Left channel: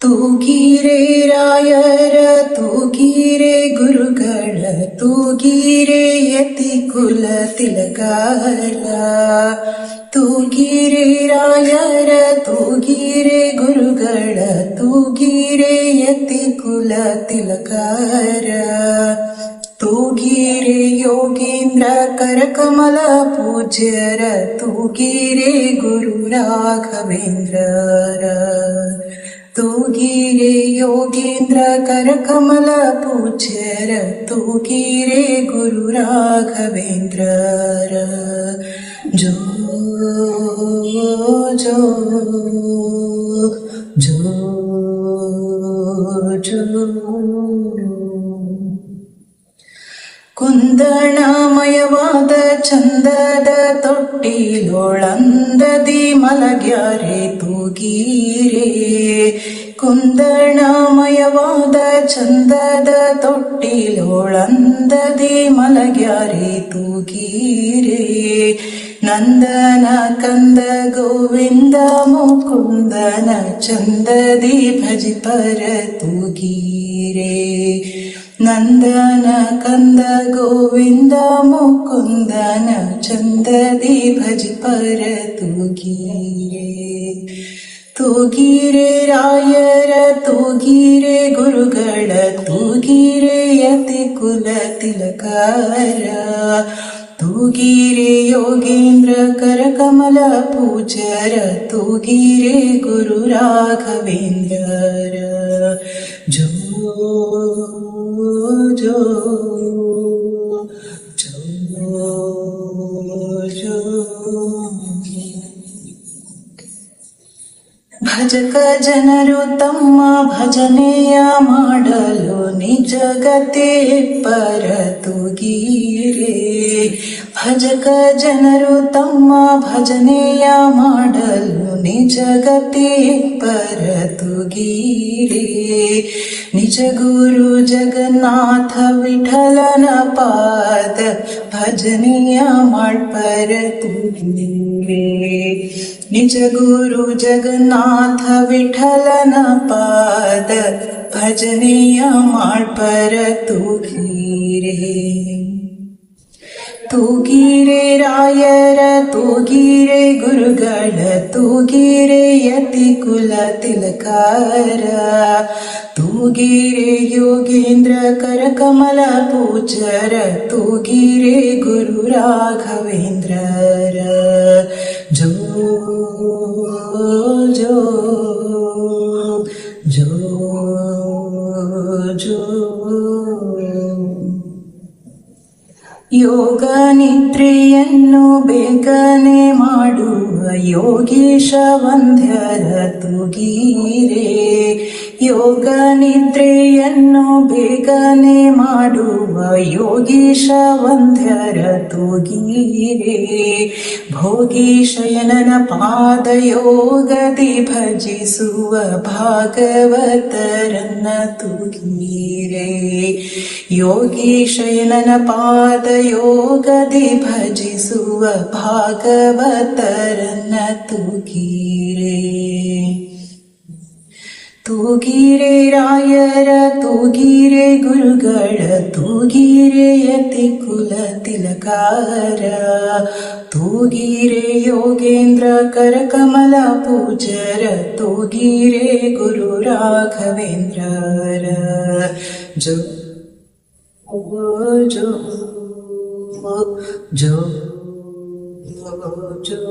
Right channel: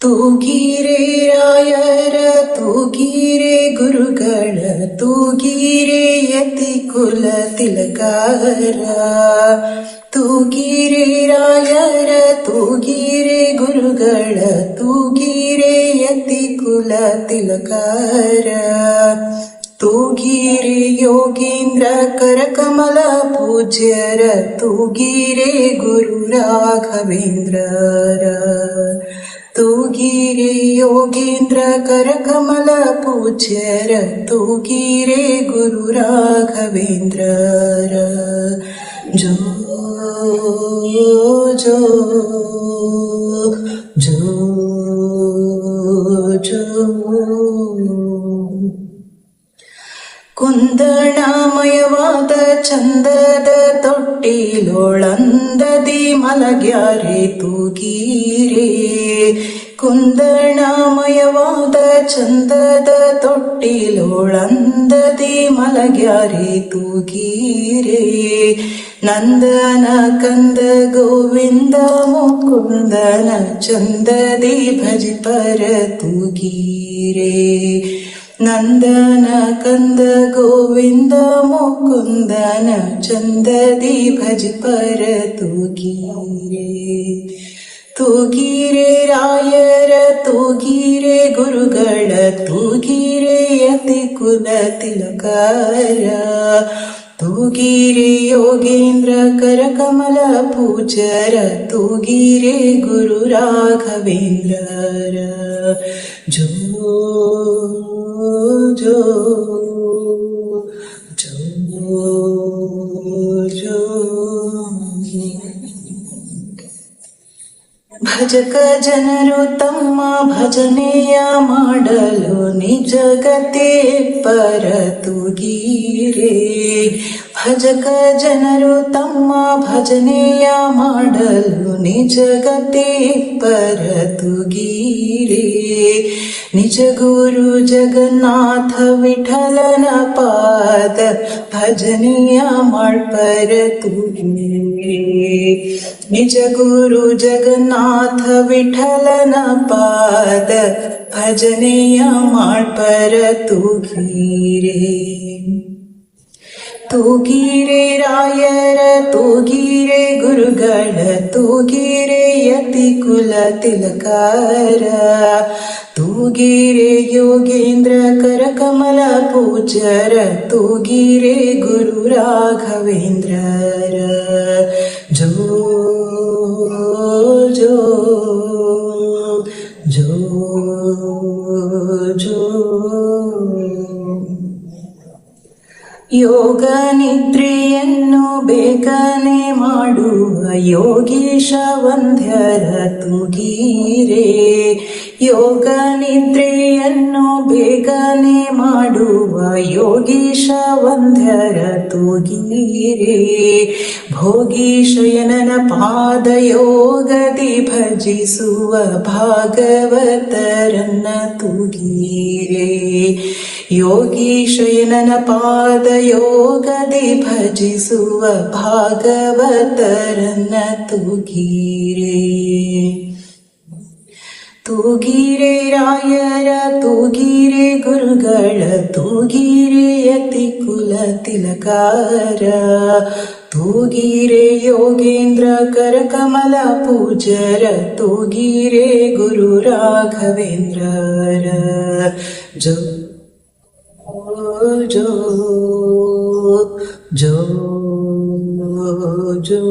ತೂಗಿರೆ ರಾಯರ ತೂಗಿರೆ ಗುರುಗಳ ತೂಗಿರೆ ಯತಿ ಕುಲ ತಿಲಕಾರ ತೂಗಿರೆ ರಾಯರ ತೂಗಿರೆ ಗುರುಗಳ ತೂಗಿರೆ ಯತಿ ಕುಲ ತಿಲಕಾರ ತೂಗಿರೆ ಯೋಗೀಂದ್ರ ಕರಕಮಲ ಪೂಜ್ಯರ ತೂಗಿರೆ ಗುರು ರಾಘವೇಂದ್ರರ ತೂಗಿರೆ ಯೋಗೀಂದ್ರ ಕರಕಮಲ ಪೂಜ್ಯರ ತೂಗಿರೆ ಗುರು ರಾಘವೇಂದ್ರರ ಜೋ ಜೋ ಜೋ ಜೋ ಕುಂದಣಮಯವಾದ ಚಂದದ ತೊಟ್ಟಿಲೊಳಂದದಿ ಮಲಗ್ಯಾರೆ ತೂಗಿರೆ ಕುಂದಣಮಯವಾದ ಚಂದದ ತೊಟ್ಟಿಲೊಳಂದದಿ ಮಲಗ್ಯಾರೆ ತೂಗಿರೆ ನಂದನ ಕಂದ ಗೋವಿಂದ ಮುಕುಂದನ ಚಂದದಿ ಭಜಿಪರ ತೂಗಿರೆ ನಂದನ ಕಂದ ಗೋವಿಂದ ಮುಕುಂದನ ಚಂದದಿ ಭಜಿಪರ ತೂಗಿರೆ ತೂಗಿರೆ ರಾಯರ ತೂಗಿರೆ ಗುರುಗಳ ತೂಗಿರೆ ಯತಿ ಕುಲ ತಿಲಕಾರ ತೂಗಿರೆ ಯೋಗೇಂದ್ರ ಕರಕಮಲ ಪೂಜ್ಯರ ತೂಗಿರೆ ಗುರು ರಾಘವೇಂದ್ರರ ಜೋ ಜೋ ಜೋ ಜೋ ಭಜಕ ಜನರು ತಮ್ಮ ಭಜನೆಯ ಮಾಡಲು ನಿಜಗತೆ ಪರ ತೂಗಿರೆ ಭಜಕ ಜನರು ತಮ್ಮ ಭಜನೆಯ ಮಾಡಲು ನಿಜಗತೆ ಪರ ತೂಗಿರೆ ನಿಜ ಗುರು ಜಗನ್ನಾಥ ವಿಠಲನ ಪಾದ ಭಜನೆಯ ಮಾಡ್ಪರ ತೂಗಿರೆ ನಿಜ ಗುರು ಜಗನ್ನಾಥ ವಿಠಲನ ಪಾದ ಭಜನೆಯ ಮಾಡ್ಪರ ತೂಗಿರೆ ತೂಗಿರೆ ರಾಯರ ತೂಗಿರೆ ಗುರುಗಳ ತೂಗಿರೆ ಯತಿ ಕುಲ ತಿಲಕಾರ ತೂಗಿರೆ ಯೋಗೇಂದ್ರ ಕರಕಮಲ ಪೂಜ್ಯರ ತೂಗಿರೆ ಗುರು ರಾಘವೇಂದ್ರರ ಜೋ ಜೋ ಜೋ ಜೋ ಯೋಗ ನಿದ್ರೆಯನ್ನು ಬೇಗನೆ ಮಾಡುವ ಯೋಗೀಶ ವಂದ್ಯರ ತೂಗಿರೆ ಯೋಗ ನಿದ್ರೆಯನ್ನು ಬೇಗನೆ ಮಾಡುವ ಯೋಗೀಶ ವಂದ್ಯರ ತೂಗಿರೆ ಭೋಗಿ ಶಯನನ ಪಾದ ಯೋಗದಿ ಭಜಿಸುವ ಭಾಗವತರನ್ನ ತೂಗಿರೆ ಯೋಗಿ ಶಯನನ ಪಾದ ಯೋಗದಿ ಭಜಿಸುವ ಭಾಗವತರನ್ನ ತೂಗಿರೆ ತೂಗಿರೆ ರಾಯರ ತೂಗಿರೆ ಗುರುಗಳ ತೂಗಿರೆ ಯತಿ ಕುಲ ತಿಲಕಾರ ತೂಗಿರೆ ಯೋಗೇಂದ್ರ ಕರಕಮಲ ಪೂಜ್ಯರ ತೂಗಿರೆ ಗುರು ರಾಘವೇಂದ್ರರ ಜೋ ಜೋ ಜೋ ಜೋ